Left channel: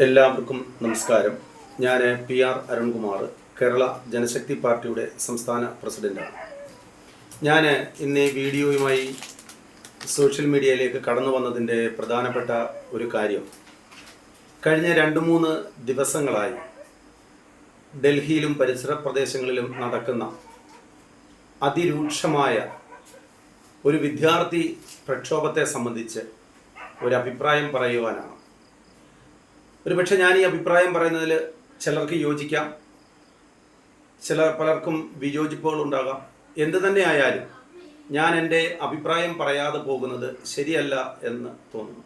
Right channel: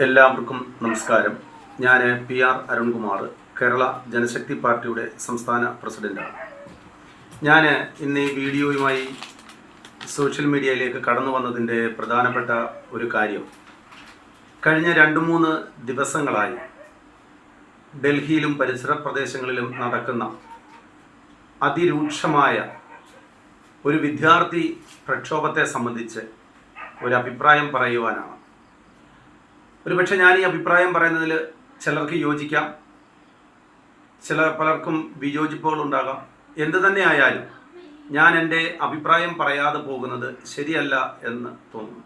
എല്ലാവർക്കും നമസ്കാരം. ഞാൻ PR അരുൺകുമാർ, കേരള ജനശക്തി പാർട്ടിയുടെ സംസ്ഥാന പ്രസിഡന്റാണ്. ഞാൻ ഇന്ന് ഈ വീഡിയോയുമായി സോഷ്യൽ മീഡിയയിലേക്ക് കടന്നു വന്നതിൻ്റെ പ്രധാനപ്പെട്ട ഒരു കാര്യം, കഴിഞ്ഞ 2-3 ദിവസങ്ങളായി ഡൽഹിയിലും പരിസര പ്രദേശങ്ങളിലും നടക്കുന്ന അതിരൂക്ഷമായ ഒരു വിദ്യാർത്ഥി പ്രക്ഷോഭത്തെ സംബന്ധിച്ച് ഒരു അഭിപ്രായം പറയുവാനാണ്. ഒരുപക്ഷെ ഞാൻ ഈ അഭിപ്രായം പറയുന്നതിൽ ചിലർക്ക് യോജിക്കാം, പലർക്കും വിയോജിപ്പുകൾ ഉണ്ടാകാം. എന്തു തന്നെ ആയാലും ഞാൻ എൻ്റെ അഭിപ്രായം പറയാതെ പോകുന്നത് ശരിയല്ല എന്ന് തോന്നുന്നു.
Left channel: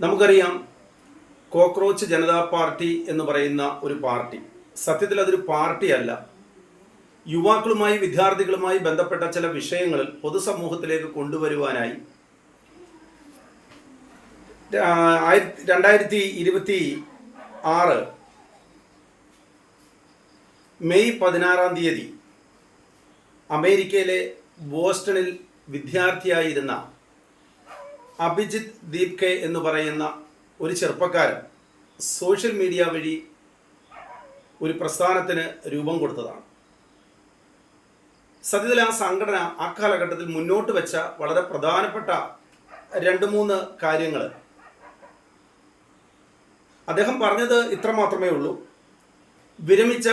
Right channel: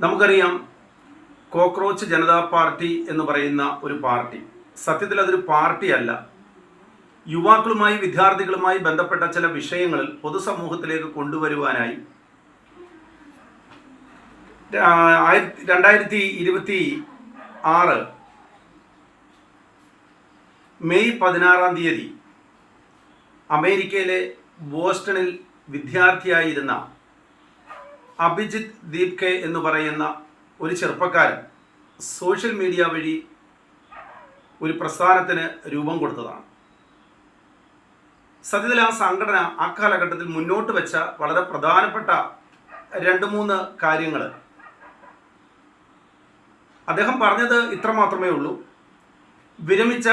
നമുക്കറിയാം, കോക്രോച്ച് ജനതാ പാർട്ടി എന്ന് പറയുന്ന ഒരു പാർട്ടി സത്യത്തിൽ അതൊരു പാർട്ടിയല്ല. യുവാക്കളുമായി വിദ്യാർത്ഥികളുമായി ബന്ധപ്പെട്ട ചില വിഷയങ്ങളിൽ പൊതുസമൂഹത്തിലേക്ക് കൊണ്ടുവരുവാനായി 2026 മെയ് 16 അമേരിക്കയിലെ ബോസ്റ്റണിൽ വിദ്യാർത്ഥിയായിരുന്ന അഭിജിത്ത് ദീപ്കെ എന്ന് പറയുന്ന ഒരു ചെറുപ്പക്കാരൻ സോഷ്യൽ മീഡിയ വഴി ഒരു പ്രസ്ഥാനത്തിന് രൂപം കൊടുത്തതാണ്. സത്യത്തിൽ ആ സംഘടന ആ കാലഘട്ടത്തിൽ മുന്നോട്ട് വെച്ച വളരെ പ്രധാനപ്പെട്ട 2-3 കാര്യങ്ങൾ അദ്ദേഹം പറഞ്ഞത് ഇത്ര മാത്രമേ ഉള്ളൂ: വിരമിച്ച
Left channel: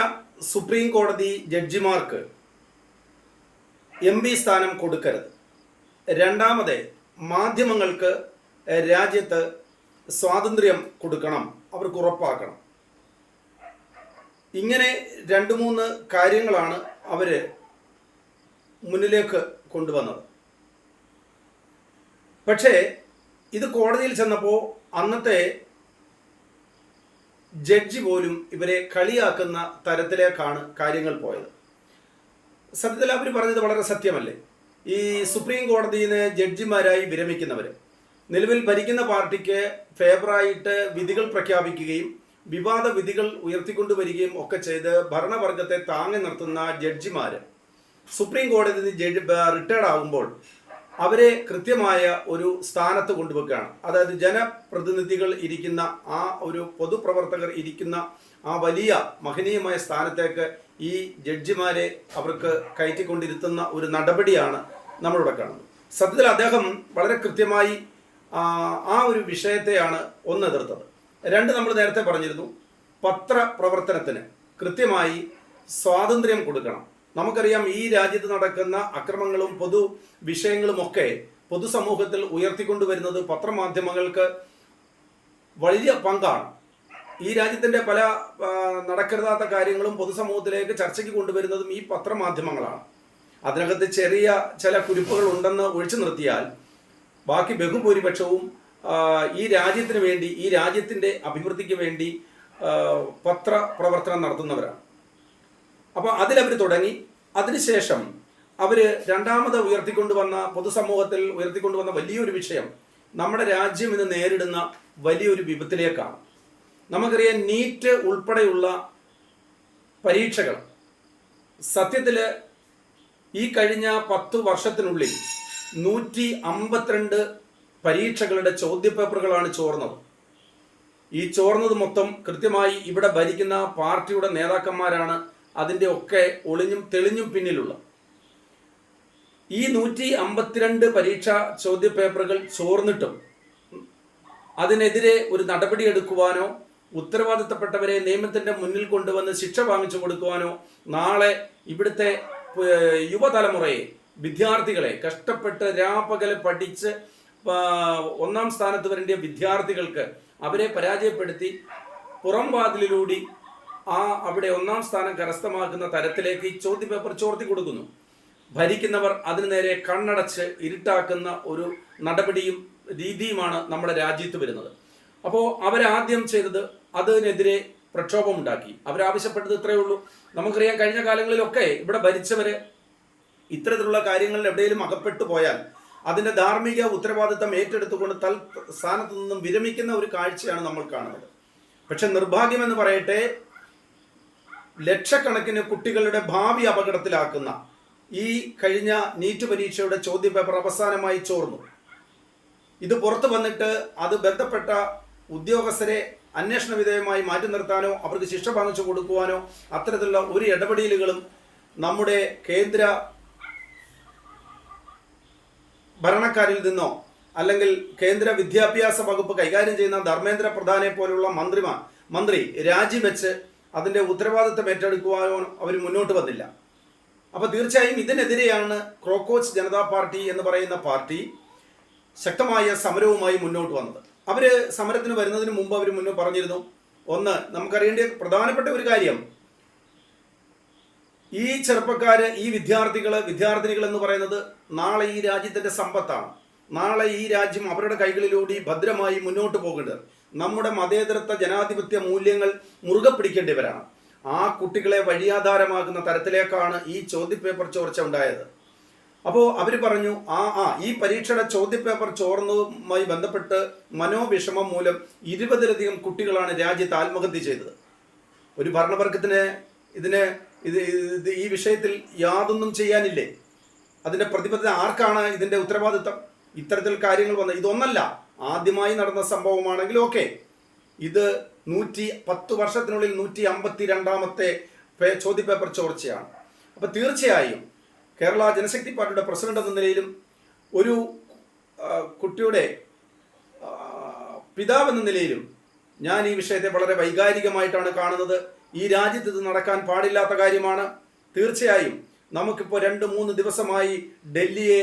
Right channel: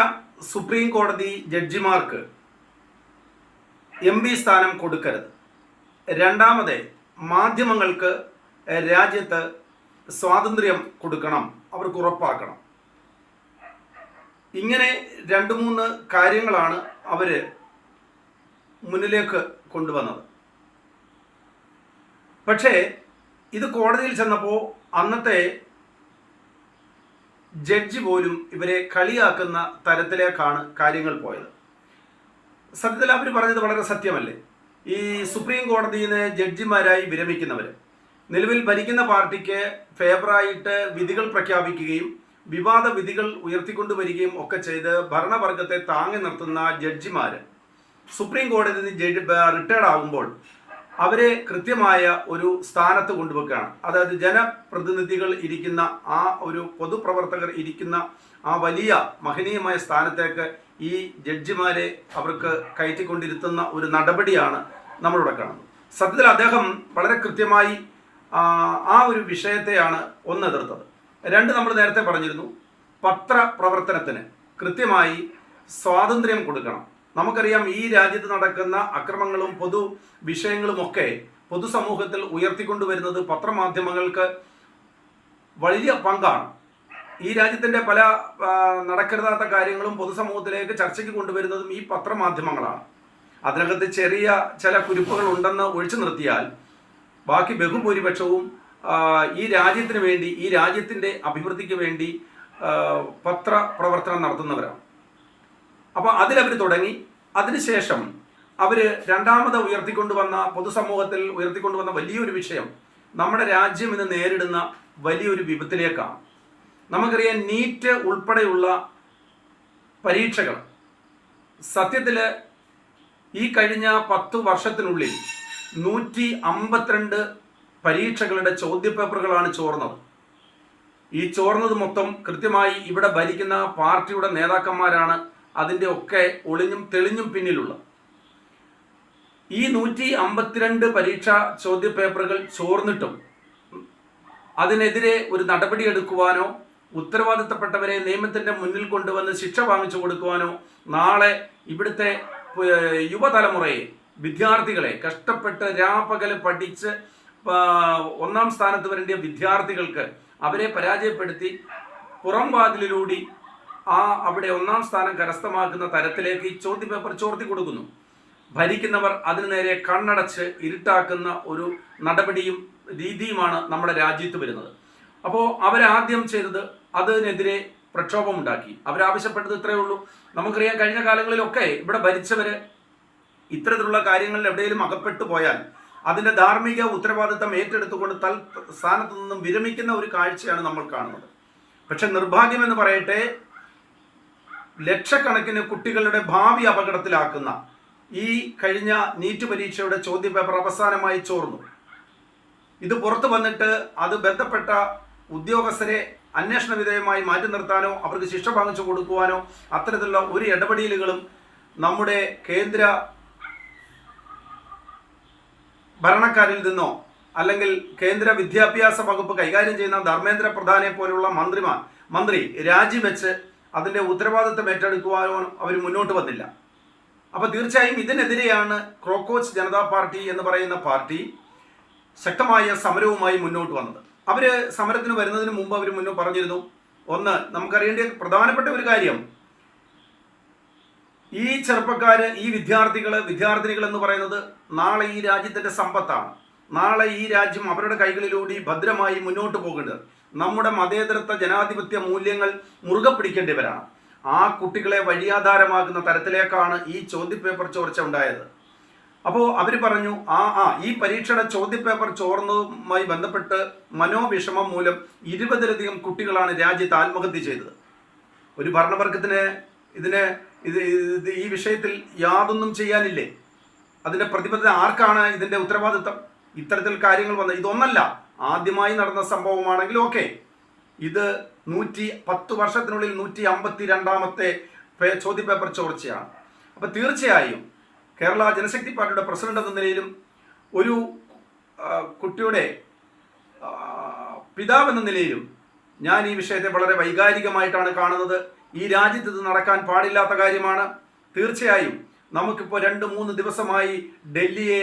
സുപ്രീം കോടതി ജഡ്ജിമാർക്ക് MP സ്ഥാനം കൊടുക്കരുത്. രണ്ടാമത്, മാധ്യമങ്ങൾക്ക് രാജ്യത്ത് സ്വാതന്ത്ര്യം കൊടുക്കണം, അവർക്ക് ഉറപ്പാക്കണം. ഇങ്ങനെ 2-3 കാര്യങ്ങളാണ് അവർ മുന്നിലേക്ക് കൊണ്ടുവന്നത്. പക്ഷേ ഇത് കോടതിയിൽ ചെന്നപ്പോൾ അന്നത്തെ ജഡ്ജി പോലും ഇവരെ കളിയാക്കുന്ന തരത്തിലേക്കാണ് കാര്യങ്ങൾ പോയത്. സത്യത്തിൽ അവർ പറഞ്ഞത് വളരെ സത്യമല്ലേ? ഈ സുപ്രീം കോടതിയിൽ നിന്ന് ജഡ്ജിമാരായി വിരമിക്കുന്നവർ നിലവിൽ ഭരിക്കുന്ന പാർട്ടിക്ക് ഫേവറായിട്ട് വിധികൾ പ്രഖ്യാപിക്കുകയും വിവാദ വിധികൾ ഉയർത്തിക്കൊണ്ടുവരികയും ഒക്കെ ചെയ്ത് ഭരണവർഗത്തെ താങ്ങി നിർത്തുന്ന ജഡ്ജിമാർ സുപ്രീം കോടതി റിട്ടയർഡ് ആകുമ്പോൾ അവരെ കൃത്യമായ ഒരു സ്ഥാനത്ത് കൊണ്ടുവെക്കുകയാണ്. അതായത് ജനപ്രതിനിധികൾ ഇരിക്കുന്ന ആ ഒരു പൊതുപ്രവർത്തകർ ഇരിക്കുന്ന ആ വലിയ മഹനീയമായ സ്ഥാനത്തേക്ക് ഈ ജഡ്ജിമാരെ അവർക്ക് കയറ്റിക്കൊണ്ടിരുത്തുന്ന ഒരു നടപടിയാണ് നമ്മളിവിടെ കാണുന്നത്. സത്യത്തിൽ അദ്ദേഹം വളരെ കൃത്യമായി ആ ഒരു വിഷയത്തെയാണ് ഒന്ന് എതിർത്തത്. 2, നമ്മൾ നേരത്തെ പറഞ്ഞിരുന്നു, പത്രപ്രവർത്തനത്തിന് കൃത്യമായി സ്വാതന്ത്ര്യം കൊടുക്കണം. നമുക്കറിയാം, ഈ രാജ്യത്ത് നടക്കുന്ന അക്രമങ്ങളും പൊതു വിഷയങ്ങളുമൊക്കെ പൊതുസമൂഹത്തിൽ ഉയർത്തിക്കൊണ്ടുവരുന്നത് പത്രമാധ്യമങ്ങൾക്ക് വലിയ പങ്കാണ്. ഈ രാജ്യത്തിൻ്റെ പല നടക്കരുതാത്ത കാര്യങ്ങളും പൊതുസമൂഹത്തിലേക്ക് ചർച്ചയ്ക്ക് കൊണ്ടുവരുന്നതും ഈ പത്രമാധ്യമങ്ങളാണ്. അതിനകത്ത് ചെറിയ ചില കുരുക്കുകൾ ഉണ്ടെന്ന് ഒഴിച്ചു നിർത്തിയാൽ ബാക്കി ബഹുഭൂരിപക്ഷവും ഈ രാജ്യത്തിന് വേണ്ടി, ഈ രാജ്യത്തിൻ്റെ അഭിവൃദ്ധിക്ക് വേണ്ടി പത്രപ്രവർത്തനം നടത്തുന്നവരാണ്. അപ്പോൾ അതിലവർ തുടങ്ങി. അതിനുശേഷം അവർ രണ്ടാമത് പൊതുസമൂഹത്തിൽ ഉയർത്തിക്കൊണ്ടുവന്ന വലിയൊരു വിഷയം നമ്മുടെ രാജ്യം ഇന്ന് നേരിടുന്ന വലിയൊരു വിപത്തിലേക്കാണ്. നമുക്കറിയാം, നീറ്റ് ഉൾപ്പെടെയുള്ള പരീക്ഷകൾ സത്യത്തിൽ ഈ കഴിഞ്ഞ 10 വർഷത്തിനുള്ളിൽ 152 പരീക്ഷകളുടെ ചോദ്യപേപ്പറുകളാണ് ചോർന്നത്. ഈ ചോർന്നത് മൊത്തം കൃത്യമായി ഇവിടെ ഭരിക്കുന്ന പാർട്ടിയുടെ നേതാക്കന്മാരാണ് അതിൻ്റെ ഒക്കെ ഒളിഞ്ഞും തെളിഞ്ഞും പിന്നിലുള്ള. ഈ 152 പരീക്ഷാ ചോദ്യപേപ്പറുകൾ ചോർന്നിട്ടും അതിനെതിരെ ഒരു നടപടി എടുക്കുവാനോ ഉത്തരവാദിത്തപ്പെട്ടവരെ നിയമത്തിൻ്റെ മുന്നിൽ കൊണ്ടുവന്ന് ശിക്ഷ വാങ്ങിച്ചു കൊടുക്കുവാനോ നാളെ ഇവിടുത്തെ യുവതലമുറയെ, വിദ്യാർത്ഥികളെ, കഷ്ടപ്പെട്ട് രാപകൽ പഠിച്ച് 1ാം സ്ഥാനത്ത് വരേണ്ട വിദ്യാർത്ഥികൾക്ക് അവരെ പരാജയപ്പെടുത്തി പുറം വാതിലിലൂടെ അവിടെ 1ാം സ്ഥാനം കരസ്ഥമാക്കുന്ന തരത്തിലേക്ക് ഈ ചോദ്യപേപ്പർ ചോർത്തി കൊടുക്കുന്നു. ഭരിക്കുന്നവർ അതിനു നേരെ കണ്ണടച്ച് ഇരുട്ടാക്കുന്ന ഒരു നടപടിയും രീതിയുമാണ് നമ്മുടെ രാജ്യത്ത് വരുന്നത്. അപ്പോൾ അവരാദ്യം ചെയ്തത് അതിനെതിരെ പ്രക്ഷോഭമുണ്ടാക്കി. അവരാവശ്യപ്പെട്ടത് ഇത്രയേ ഉള്ളൂ. നമുക്കറിയാം, കഴിഞ്ഞ കാലങ്ങളിലൊക്കെ ഇവിടെ ഭരിച്ചവർ ഇത്തരത്തിലുള്ള കാര്യങ്ങളിൽ എവിടെയെങ്കിലും അകപ്പെട്ടു പോയാൽ അതിൻ്റെ ധാർമ്മിക ഉത്തരവാദിത്തം ഏറ്റെടുത്തുകൊണ്ട് സ്ഥാനത്ത് നിന്നും വിരമിക്കുന്ന ഒരു കാഴ്ചയാണ് നമ്മൾ കാണുന്നത്. പക്ഷെ നിർഭാഗ്യമെന്ന് പറയട്ടെ, ലക്ഷക്കണക്കിന് കുട്ടികളുടെ ഭാവി അപകടത്തിലാക്കുന്ന ഈ കഴിഞ്ഞ നീറ്റ് പരീക്ഷയുടെ ചോദ്യപേപ്പർ അവസാനമായി ചോർന്നു. ഇത് പുറത്തു വന്നിട്ട് അത് ബന്ധപ്പെട്ട ഉദ്യോഗസ്ഥരെ അന്വേഷണ വിധേയമായി മാറ്റി നിർത്താനോ അവർക്ക് ശിക്ഷ വാങ്ങിച്ചു കൊടുക്കുവാനോ അത്തരത്തിലുള്ള ഒരു ഇടപെടലുകളും നമ്മുടെ കേന്ദ്ര ഭരണക്കാരിൽ നിന്നോ അല്ലെങ്കിൽ കേന്ദ്ര വിദ്യാഭ്യാസ വകുപ്പ് കൈകാര്യം ചെയ്യുന്ന ധർമ്മേന്ദ്ര പ്രധാനെ പോലുള്ള മന്ത്രി രാജിവെച്ച് അതിൻ്റെ ഉത്തരവാദിത്തം ഏറ്റെടുക്കുവാനോ അവർ മുന്നോട്ട് വന്നില്ല. അപ്പോൾ തീർച്ചയായും ഇതിനെതിരെയാണ് ക്രോക്കോച്ച് ജനതാ പാർട്ടി എന്ന് പറയുന്ന പാർട്ടി ശക്തമായ സമരവുമായി മുന്നോട്ട് വന്നത്. അവർ സമരത്തിന് വരുന്നതിന് മുമ്പ് അവർ മുന്നേ പറഞ്ഞിരുന്നു, ഒന്ന് നമുക്കറിയേണ്ട പ്രധാനപ്പെട്ട ഒരു കാര്യം, ഈ ചെറുപ്പക്കാര്, ഈ വിദ്യാർത്ഥിനികൾ എന്ന് പറയുന്നത് നാളെ ഈ രാജ്യത്തിന്റെ സമ്പത്താണ്. നാളെ ഈ രാജ്യം അവരുടെ കൈകളിലൂടെ ഭദ്രമായി മുന്നോട്ട് പോകേണ്ടത്. നമ്മുടെ മതേതരത്വ ജനാധിപത്യ മൂല്യങ്ങൾ മുറുകെ പിടിക്കേണ്ടവരാണ്. ആ കുട്ടികളെ വഴിയാധാരമാകുന്ന തരത്തിലേക്കാണ് ഈ ചോദ്യപേപ്പർ ചോർച്ച ഉണ്ടായത്. അപ്പോൾ അവർ പറഞ്ഞു ഈ പരീക്ഷയുടെ ചോദ്യപേപ്പർ ചോർന്നതുമായി ബന്ധപ്പെട്ട് മനോവിഷമം മൂലം 20ലധികം കുട്ടികളാണ് രാജ്യത്ത് ആത്മഹത്യ ചെയ്തത്. ഒരു ഭരണവർഗത്തിന് ഈ വിഷയത്തിൽ യാതൊന്നും ചെയ്യാനില്ലേ? അതിന്റെ പ്രതിബദ്ധത ആർക്കാണ്? ഇതിന്റെ ഉത്തരവാദിത്തം? ഇത്തരത്തിൽ കാര്യങ്ങൾ വന്ന ഇതൊന്നല്ല, ആദ്യമായി നടന്ന സംഭവമാണെങ്കിൽ ഓക്കെ, ഇത് 110 വർഷത്തിനുള്ളിൽ 152ാമത്തെ ചോദ്യപേപ്പർ ചോർച്ചയാണ്. അപ്പൊ തീർച്ചയായും കേരള ജനശക്തി പാർട്ടിയുടെ പ്രസിഡന്റ് എന്ന നിലയിലും ഒരു കുട്ടിയുടെ പിതാവ് എന്ന നിലയിലും ഞാൻ ഈ വിഷയത്തെ വളരെ വൈകാരികമായിട്ടാണ് കാണുന്നത്. ഈ രാജ്യത്ത് ഇത് നടക്കാൻ പാടില്ലാത്ത കാര്യമാണ്. തീർച്ചയായും നമുക്കിപ്പോൾ 2-3 ദിവസമായി ഡൽഹിയെ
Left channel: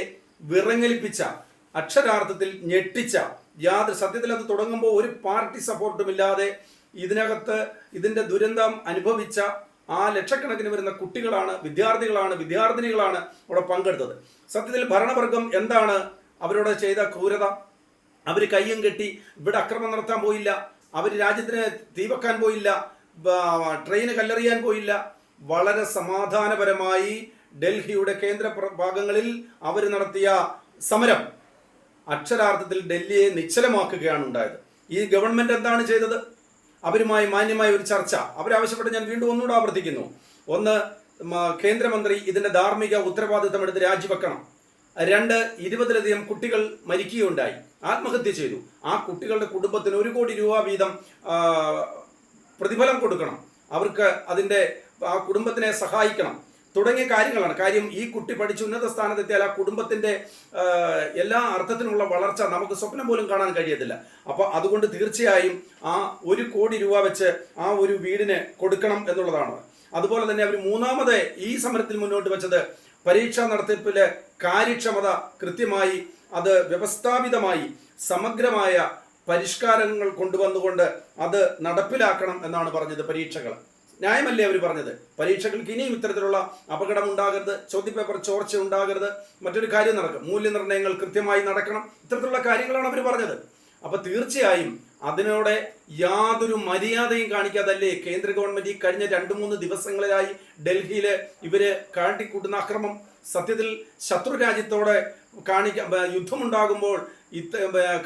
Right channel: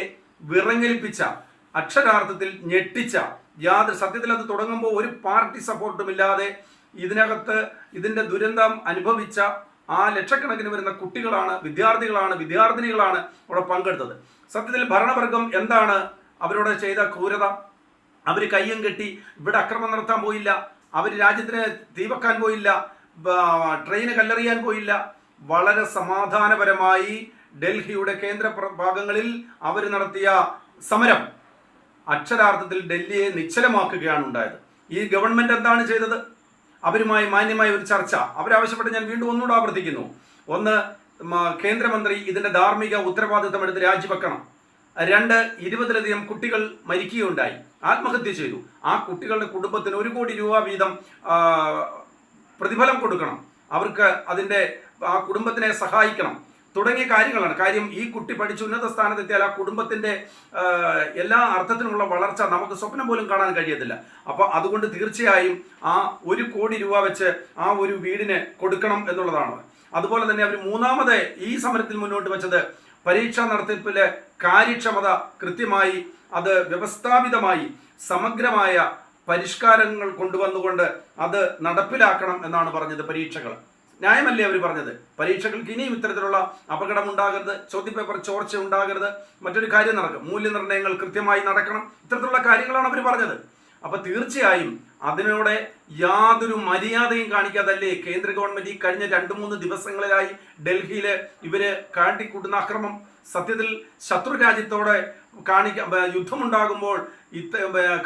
വിറങ്ങലിപ്പിച്ച, അക്ഷരാർത്ഥത്തിൽ ഞെട്ടിച്ച, സത്യത്തിൽ അത് തുടങ്ങുമ്പോൾ ഒരു പാർട്ടി സപ്പോർട്ടും ഇല്ലാതെ ഇതിന്റെ ദുരന്തം അനുഭവിച്ച ആ ലക്ഷക്കണക്കിന് വരുന്ന കുട്ടികളാണ്, വിദ്യാർത്ഥിനികളാണ് അവിടെ പങ്കെടുത്തത്. സത്യത്തിൽ ഭരണവർഗം എന്താണ് അവരോട് ചെയ്ത ക്രൂരത? അവർ കയ്യും കെട്ടി ഇവിടെ അക്രമം നടത്താൻ പോയില്ല, അവർ രാജ്യത്തിന് തീവക്കാൻ പോയില്ല, ട്രെയിന് കല്ലെറിയാൻ പോയില്ല. വളരെ സമാധാനപരമായി ഡൽഹിയുടെ കേന്ദ്ര ഭാഗങ്ങളിൽ അവർ നടത്തിയ സമരം അക്ഷരാർത്ഥത്തിൽ ഡൽഹിയെ നിശ്ചലമാക്കുകയാണ് ഉണ്ടായത്. ഈ ഗവൺമെന്റ് എന്താണ് ചെയ്തത്? അവരുമായി മാന്യമായ ഒരു ചർച്ച അവരാവശ്യപ്പെട്ട് ഞാൻ വീണ്ടും ഒന്നുകൂടെ ആവർത്തിക്കുന്നു. ഒന്ന്, കേന്ദ്രമന്ത്രി ഇതിന്റെ ധാർമ്മിക ഉത്തരവാദിത്തം എടുത്ത് രാജിവെക്കണം. 2, 20ലധികം കുട്ടികൾ മരിക്കുകയുണ്ടായി, ആത്മഹത്യ ചെയ്തു. ആ കുട്ടികളുടെ കുടുംബത്തിന് 1 കോടി രൂപ വീതം പ്രതിഫലം കൊടുക്കണം, അവർക്ക് ആ കുടുംബത്തിനെ സഹായിക്കണം തുടങ്ങിയ കാര്യങ്ങളാണ്. കാര്യം, ഈ കുട്ടി പഠിച്ച് ഉന്നത സ്ഥാനത്തെത്തിയാൽ ആ കുടുംബത്തിന്റെ എല്ലാ അർത്ഥത്തിനുള്ള വളർച്ച നമുക്ക് സ്വപ്നം പോലും കാണാൻ കഴിയത്തില്ല. അപ്പൊ അതുകൊണ്ട് തീർച്ചയായും ആ 1 കോടി രൂപ വെച്ച് ആ ഒരു വീടിന് കൊടുക്കണം എന്നുള്ളതാണ്. അതുപോലെ തന്നെ അവർ മൂന്നാമത് ഈ സമരത്തിൽ മുന്നോട്ട് വെച്ചത് പരീക്ഷാ നടത്തിപ്പിലെ കാര്യക്ഷമത കൃത്യമായി, അത് വ്യവസ്ഥാപിതമായി സമഗ്രമായ പരിഷ്കാരങ്ങൾ കൊണ്ടുവന്നുകൊണ്ട് അത് നടപ്പിലാക്കണം എന്നാണ് പറഞ്ഞത്. പരീക്ഷകൾ ന്യായമല്ലേ അവർ പറഞ്ഞത്? പരീക്ഷകൾക്ക് ഇനിയും ഇത്തരത്തിലുള്ള അപകടം ഉണ്ടാകരുത്, ചോദ്യപേപ്പർ ചോർച്ച ഉണ്ടാകരുത്, മറ്റൊരു കാര്യം നടക്കും, മൂല്യനിർണ്ണയങ്ങൾ കൃത്യമായി നടക്കണം, ഇത്തരത്തിലുള്ള കാര്യങ്ങളാണ് അവർ പറഞ്ഞത്. അപ്പൊ തീർച്ചയായും അതിനോട് യാതൊരു മര്യാദയും കാണിക്കാതല്ലേ കേന്ദ്ര ഗവൺമെന്റ് ഈ കഴിഞ്ഞ 2-3 ദിവസങ്ങളിലായി ഡൽഹിയില് ഇവര് കാട്ടിക്കൂട്ടുന്ന അക്രമം. സത്യത്തിൽ ശത്രു രാജ്യത്തോടെ യുദ്ധമുണ്ടാകുമ്പോൾ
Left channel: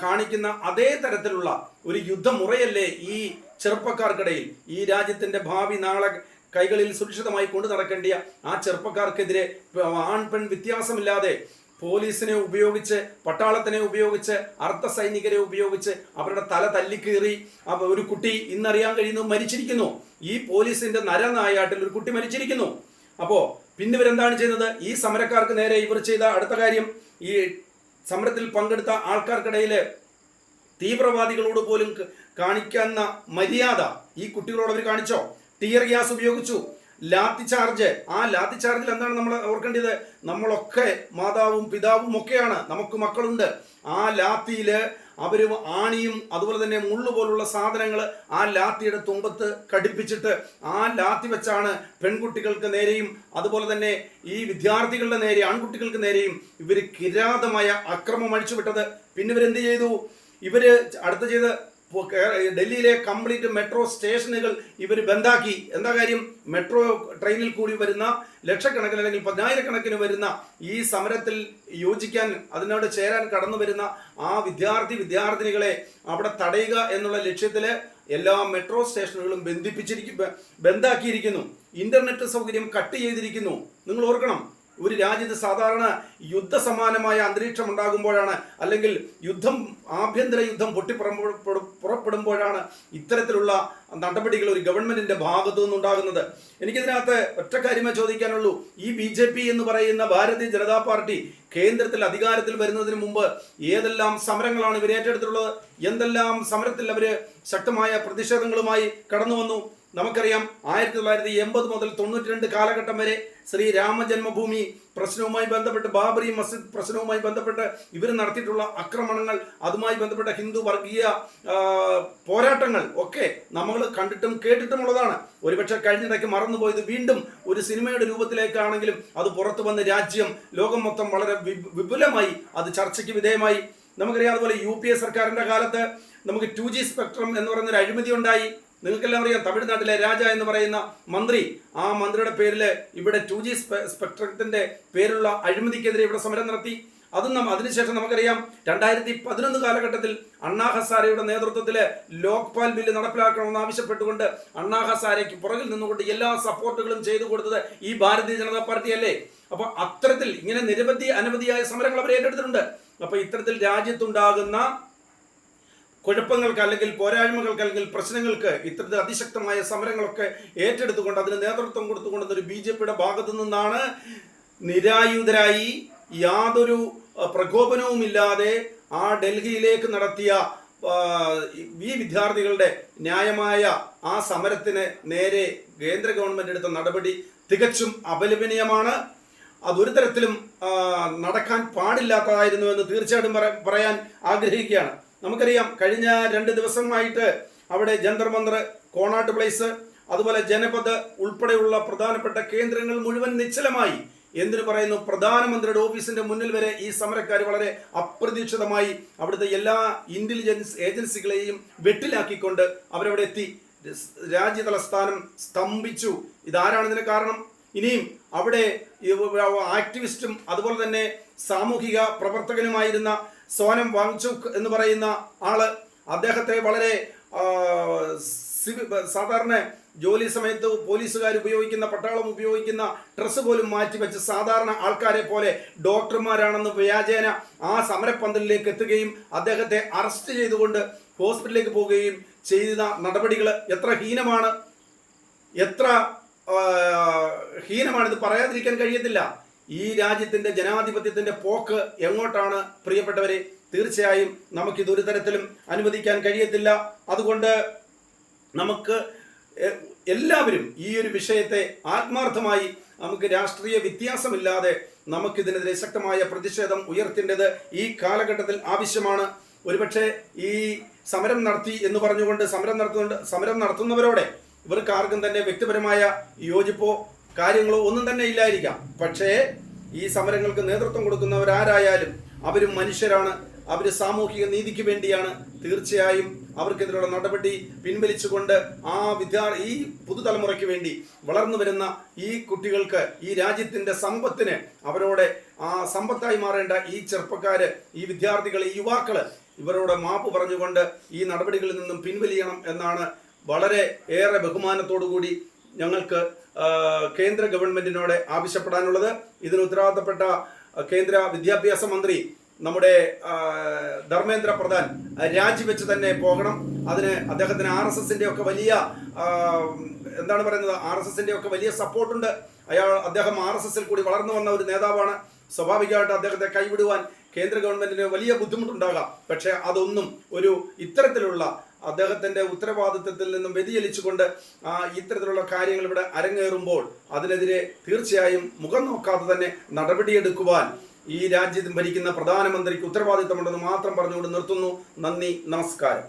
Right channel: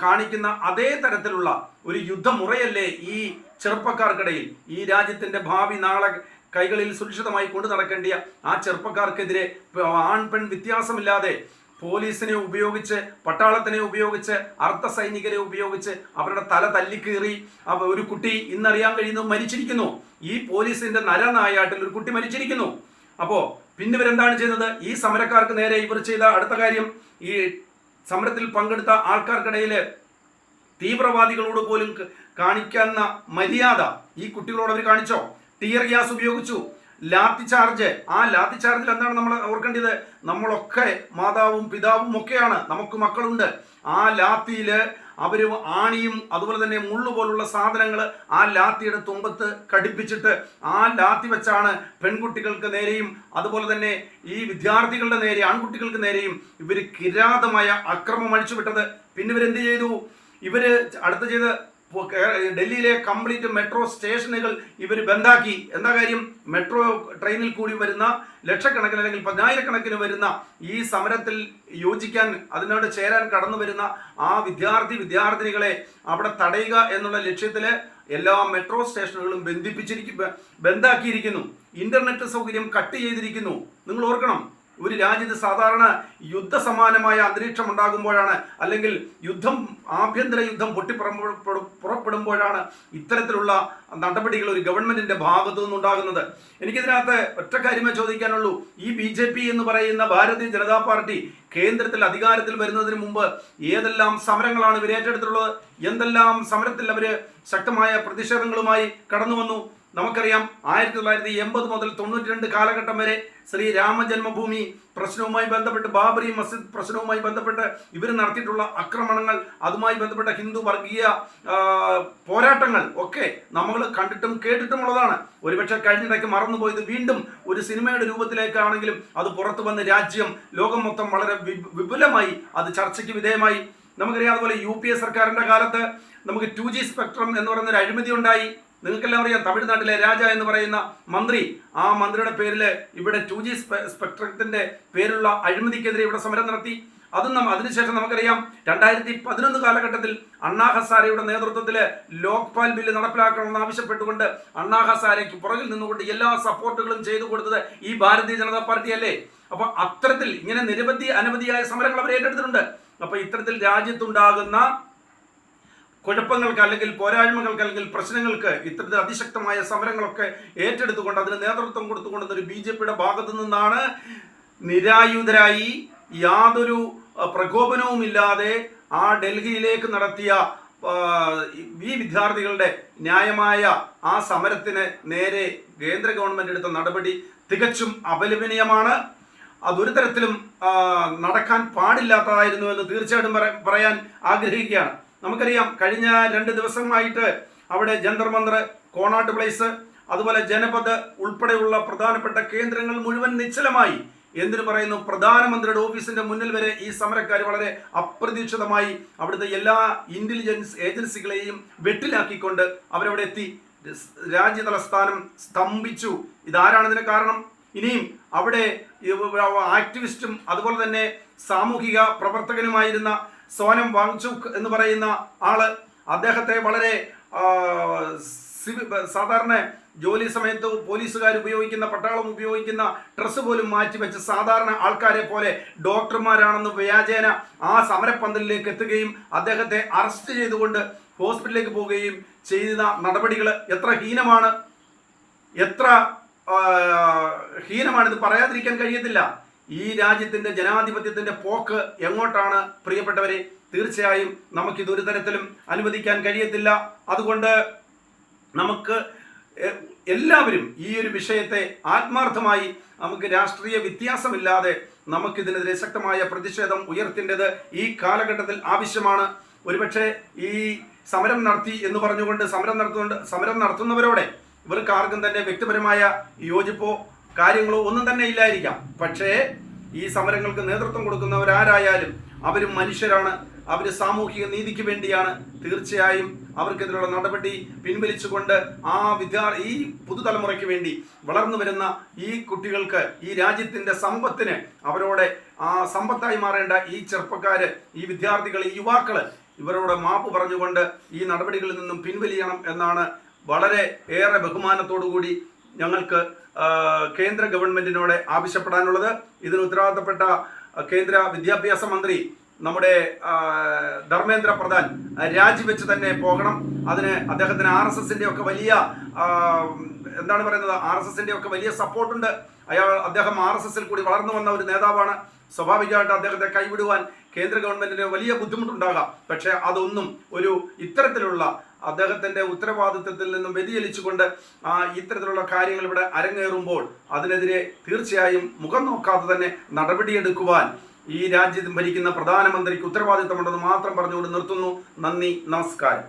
കാണിക്കുന്ന അതേ തരത്തിലുള്ള ഒരു യുദ്ധമുറയല്ലേ ഈ ചെറുപ്പക്കാർക്കിടയിൽ? ഈ രാജ്യത്തിന്റെ ഭാവി നാളെ കൈകളിൽ സുരക്ഷിതമായി കൊണ്ടു നടക്കേണ്ടിയ ആ ചെറുപ്പക്കാർക്കെതിരെ ആൺ പെൺ വ്യത്യാസമില്ലാതെ പോലീസിനെ ഉപയോഗിച്ച്, പട്ടാളത്തിനെ ഉപയോഗിച്ച്, അർദ്ധ സൈനികരെ ഉപയോഗിച്ച് അവരുടെ തല തല്ലിക്കീറി ഒരു കുട്ടി ഇന്നറിയാൻ കഴിയുന്നു മരിച്ചിരിക്കുന്നു. ഈ പോലീസിന്റെ നരനായാട്ടിൽ ഒരു കുട്ടി മരിച്ചിരിക്കുന്നു. അപ്പോ പിന്നെ ഇവരെന്താണ് ചെയ്യുന്നത്? ഈ സമരക്കാർക്ക് നേരെ ഇവർ ചെയ്ത അടുത്ത കാര്യം, ഈ സമരത്തിൽ പങ്കെടുത്ത ആൾക്കാർക്കിടയിൽ തീവ്രവാദികളോട് പോലും കാണിക്കുന്ന മര്യാദ ഈ കുട്ടികളോട് അവർ കാണിച്ചോ? ടിയർ ഗ്യാസ് ഉപയോഗിച്ചു, ലാത്തി ചാർജ്. ആ ലാത്തി ചാർജിൽ എന്താണ് നമ്മൾ ഓർക്കേണ്ടത്? നമ്മളൊക്കെ മാതാവും പിതാവും ഒക്കെയാണ്, നമുക്ക് മക്കളുണ്ട്. ആ ലാത്തിയില് അവര് ആണിയും അതുപോലെ തന്നെ മുള്ളു പോലുള്ള സാധനങ്ങൾ ആ ലാത്തിയുടെ തുമ്പത്ത് ഘടിപ്പിച്ചിട്ട് ആ ലാത്തി വെച്ചാണ് പെൺകുട്ടികൾക്ക് നേരെയും അതുപോലെ തന്നെ ഈ വിദ്യാർത്ഥികളുടെ നേരെ, ആൺകുട്ടികൾക്ക് നേരെയും ഇവര് കിരാതമായ അക്രമം അഴിച്ചുവിട്ടത്. പിന്നെ ഇവരെന്ത് ചെയ്തു? ഇവര് അടുത്ത് ചെയ്ത് ഡൽഹിയിലെ കംപ്ലീറ്റ് മെട്രോ സ്റ്റേഷനുകൾ ഇവർ ബന്ധാക്കി. എന്താ കാര്യം? മെട്രോ ട്രെയിനിൽ കൂടി വരുന്ന ലക്ഷക്കണക്കിന് അല്ലെങ്കിൽ 10,000കണക്കിന് വരുന്ന ഈ സമരത്തിൽ യോജിക്കാൻ, അതിനോട് ചേരാൻ കടന്നു വരുന്ന ആ വിദ്യാർത്ഥിനികളെ അവിടെ തടയുക എന്നുള്ള ലക്ഷ്യത്തില് എല്ലാ മെട്രോ സ്റ്റേഷനുകളും ബന്ധാക്കിയിരിക്കുന്നു. ഇന്റർനെറ്റ് സൗകര്യം കട്ട് ചെയ്തിരിക്കുന്നു. നിങ്ങൾ ഓർക്കണം, ഒരു രാജ്യത്ത് സാധാരണ യുദ്ധസമാനമായ അന്തരീക്ഷം ഉണ്ടാകുമ്പോഴാണ്, അല്ലെങ്കിൽ ആഭ്യന്തര യുദ്ധം പുറപ്പെടുമ്പോഴാണ് ഇത്തരത്തിലുള്ള നടപടികൾ ഒരു ഗവൺമെന്റിന്റെ ഭാഗത്തു നിന്നുണ്ടാകുന്നത്. എനിക്കിതിനകത്ത് ഒറ്റ കാര്യമേ ചോദിക്കാനുള്ളൂ. ഈ BJP എന്ന് പറയുന്ന ഭാരതീയ ജനതാ പാർട്ടി കേന്ദ്രത്തിൽ അധികാരത്തിൽ വരുന്നതിന് മുമ്പ് ഏതെല്ലാം സമരങ്ങളാണ് ഇവർ ഏറ്റെടുത്തിട്ടുള്ളത്? എന്തെല്ലാം സമരത്തിൽ അവര് ശക്തമായ പ്രതിഷേധങ്ങളുമായി കടന്നു വന്നു? നമുക്കറിയാം 1980 മുതൽ 92 കാലഘട്ടം വരെ ശ്രീരാമ ജന്മഭൂമി പ്രശ്നവുമായി ബന്ധപ്പെട്ട്, ബാബറി മസ്ജിദ് പ്രശ്നവുമായി ബന്ധപ്പെട്ട് ഇവർ നടത്തിയിട്ടുള്ള ആക്രമണങ്ങൾ, അതുമായി ബന്ധപ്പെട്ട ഹിന്ദു വർഗീയ പോരാട്ടങ്ങൾ ഒക്കെ നമ്മൾ കണ്ടിട്ടും കേട്ടിട്ടുമുള്ളതാണ്. ഒരുപക്ഷെ കഴിഞ്ഞിടയ്ക്ക് മറന്നുപോയത് വീണ്ടും ഒരു സിനിമയുടെ രൂപത്തിലേക്കാണെങ്കിലും അത് പുറത്തു വന്ന് രാജ്യം, ലോകം മൊത്തം വളരെ വിപുലമായി അത് ചർച്ചയ്ക്ക് വിധേയമായി. നമുക്കറിയാം, അതുപോലെ UPA സർക്കാരിന്റെ കാലത്ത് നമുക്ക് 2G സ്പെക്ട്രം എന്ന് പറയുന്നൊരു അഴിമതി ഉണ്ടായി. നിങ്ങൾക്കെല്ലാം അറിയാം, തമിഴ്നാട്ടിലെ രാജ എന്ന് പറയുന്ന മന്ത്രി, ആ മന്ത്രിയുടെ പേരിൽ ഇവിടെ 2G സ്പെക്ട്രത്തിന്റെ പേരുള്ള അഴിമതിക്കെതിരെ ഇവിടെ സമരം നടത്തി. അതിനുശേഷം നമുക്കറിയാം 2011 കാലഘട്ടത്തിൽ അണ്ണാ ഹസാരെയുടെ നേതൃത്വത്തിൽ ലോക്പാൽ ബില്ല് നടപ്പിലാക്കണമെന്ന് ആവശ്യപ്പെട്ടുകൊണ്ട് അണ്ണാ ഹസാരയ്ക്ക് പുറകിൽ നിന്നുകൊണ്ട് എല്ലാ സപ്പോർട്ടുകളും ചെയ്തു കൊടുത്തത് ഈ ഭാരതീയ ജനതാ പാർട്ടിയല്ലേ? അപ്പൊ അത്തരത്തിൽ ഇങ്ങനെ അനവധിയായ സമരങ്ങൾ അവർ ഏറ്റെടുത്തിട്ടുണ്ട്. അപ്പൊ ഇത്തരത്തിൽ രാജ്യത്തുണ്ടാകുന്ന കുഴപ്പങ്ങൾക്ക്, അല്ലെങ്കിൽ പോരായ്മകൾക്ക്, അല്ലെങ്കിൽ പ്രശ്നങ്ങൾക്ക് ഇത്തരത്തിൽ അതിശക്തമായ സമരങ്ങളൊക്കെ ഏറ്റെടുത്തുകൊണ്ട് അതിന് നേതൃത്വം കൊടുത്തുകൊണ്ടുന്ന ഒരു BJPയുടെ ഭാഗത്തു നിന്നാണ് നിരായുധരായി യാതൊരു പ്രകോപനവുമില്ലാതെ ആ ഡൽഹിയിലേക്ക് നടത്തിയ ഈ വിദ്യാർത്ഥികളുടെ ന്യായമായ ആ സമരത്തിന് നേരെ കേന്ദ്ര ഗവൺമെന്റ് എടുത്ത നടപടി തികച്ചും അപലപനീയമാണ്. അതൊരു തരത്തിലും നടക്കാൻ പാടില്ലാത്തതായിരുന്നു എന്ന് തീർച്ചയായിട്ടും പറയാൻ ആഗ്രഹിക്കുകയാണ്. നമുക്കറിയാം, കഴിഞ്ഞ 2 ദിവസമായിട്ട് അവിടെ ജന്തർ മന്ദർ, കോണാട്ട് പ്ലേസ്, അതുപോലെ ജനപദ് ഉൾപ്പെടെയുള്ള പ്രധാനപ്പെട്ട കേന്ദ്രങ്ങൾ മുഴുവൻ നിശ്ചലമായി. എന്തിനു പറയുന്നു, പ്രധാനമന്ത്രിയുടെ ഓഫീസിന്റെ മുന്നിൽ വരെ ഈ സമരക്കാർ വളരെ അപ്രതീക്ഷിതമായി അവിടുത്തെ എല്ലാ ഇന്റലിജൻസ് ഏജൻസികളെയും വെട്ടിലാക്കിക്കൊണ്ട് അവരവിടെ എത്തി. രാജ്യതലസ്ഥാനം സ്തംഭിച്ചു. ഇതാരാണ് ഇതിന് കാരണം? ഇനിയും അവിടെ ആക്ടിവിസ്റ്റും അതുപോലെ തന്നെ സാമൂഹിക പ്രവർത്തകനുമായിരുന്ന സോനം വാങ്ചുക് എന്ന് പറയുന്ന ആള്, അദ്ദേഹത്തെ വളരെ സാധാരണ ജോലി സമയത്ത് പോലീസുകാർ ഉപയോഗിക്കുന്ന, പട്ടാളം ഉപയോഗിക്കുന്ന ഡ്രസ്സ് പോലും മാറ്റിവെച്ച് സാധാരണ ആൾക്കാരെ പോലെ ഡോക്ടർമാരാണെന്ന് വ്യാജേന ആ സമരപ്പന്തലിലേക്ക് എത്തുകയും അദ്ദേഹത്തെ അറസ്റ്റ് ചെയ്തുകൊണ്ട് ഹോസ്പിറ്റലിലേക്ക് പോവുകയും ചെയ്ത നടപടികൾ എത്ര ഹീനമാണ്, എത്ര ഹീനമാണിത് പറയാതിരിക്കാൻ കഴിയത്തില്ല. ഈ രാജ്യത്തിന്റെ ജനാധിപത്യത്തിന്റെ പോക്ക് എങ്ങോട്ടാണ് പ്രിയപ്പെട്ടവരെ? തീർച്ചയായും നമുക്കിതൊരു തരത്തിലും അനുവദിക്കാൻ കഴിയത്തില്ല. അതുകൊണ്ട് നമുക്ക് എല്ലാവരും ഈ ഒരു വിഷയത്തെ ആത്മാർത്ഥമായി, നമുക്ക് രാഷ്ട്രീയ വ്യത്യാസമില്ലാതെ നമുക്കിതിനെതിരെ ശക്തമായ പ്രതിഷേധം ഉയർത്തേണ്ടത് ഈ കാലഘട്ടത്തിൽ ആവശ്യമാണ്. ഒരുപക്ഷെ ഈ സമരം നടത്തി എന്ന് പറഞ്ഞുകൊണ്ട് സമരം നടത്തുന്നവരോടെ ഇവർക്ക് ആർക്കും തന്നെ വ്യക്തിപരമായ യോജിപ്പോ കാര്യങ്ങളോ ഒന്നും തന്നെ ഇല്ലായിരിക്കാം. പക്ഷേ ഈ സമരങ്ങൾക്ക് നേതൃത്വം കൊടുക്കുന്നവരാരായാലും അവരും മനുഷ്യരാണ്. അവർ സാമൂഹിക നീതിക്ക് വേണ്ടിയാണ്. തീർച്ചയായും അവർക്കെതിരെയുള്ള നടപടി പിൻവലിച്ചുകൊണ്ട് ഈ പുതുതലമുറയ്ക്ക് വേണ്ടി വളർന്നു വരുന്ന ഈ കുട്ടികൾക്ക്, ഈ രാജ്യത്തിന്റെ സമ്പത്തിന്, അവരോട് സമ്പത്തായി മാറേണ്ട ഈ ചെറുപ്പക്കാര്, ഈ വിദ്യാർത്ഥികൾ, ഈ യുവാക്കള് ഇവരോട് മാപ്പ് പറഞ്ഞുകൊണ്ട് ഈ നടപടികളിൽ നിന്നും പിൻവലിയണം എന്നാണ് വളരെ ഏറെ ബഹുമാനത്തോടുകൂടി ഞങ്ങൾക്ക് കേന്ദ്ര ഗവൺമെന്റിനോട് ആവശ്യപ്പെടാനുള്ളത്. ഇതിന് ഉത്തരവാദിത്തപ്പെട്ട കേന്ദ്ര വിദ്യാഭ്യാസ മന്ത്രി നമ്മുടെ ധർമ്മേന്ദ്ര പ്രധാൻ രാജിവെച്ച് തന്നെ പോകണം. അതിന് അദ്ദേഹത്തിന് RSSന്റെ ഒക്കെ വലിയ RSSന്റെ ഒക്കെ വലിയ സപ്പോർട്ടുണ്ട്. അദ്ദേഹം RSSൽ കൂടി വളർന്നു വന്ന ഒരു നേതാവാണ്. സ്വാഭാവികമായിട്ട് അദ്ദേഹത്തെ കൈവിടുവാൻ കേന്ദ്ര ഗവൺമെന്റിന് വലിയ ബുദ്ധിമുട്ടുണ്ടാകാം. പക്ഷെ അതൊന്നും ഇത്തരത്തിലുള്ള അദ്ദേഹത്തിന്റെ ഉത്തരവാദിത്വത്തിൽ നിന്നും വ്യതിചലിച്ചുകൊണ്ട് ഇത്തരത്തിലുള്ള കാര്യങ്ങൾ ഇവിടെ അരങ്ങേറുമ്പോൾ അതിനെതിരെ തീർച്ചയായും മുഖം നോക്കാതെ തന്നെ നടപടിയെടുക്കുവാൻ ഈ രാജ്യത്ത് ഭരിക്കുന്ന പ്രധാനമന്ത്രിക്ക് ഉത്തരവാദിത്തമുണ്ടെന്ന് മാത്രം പറഞ്ഞുകൊണ്ട് നിർത്തുന്നു. നന്ദി, നമസ്കാരം.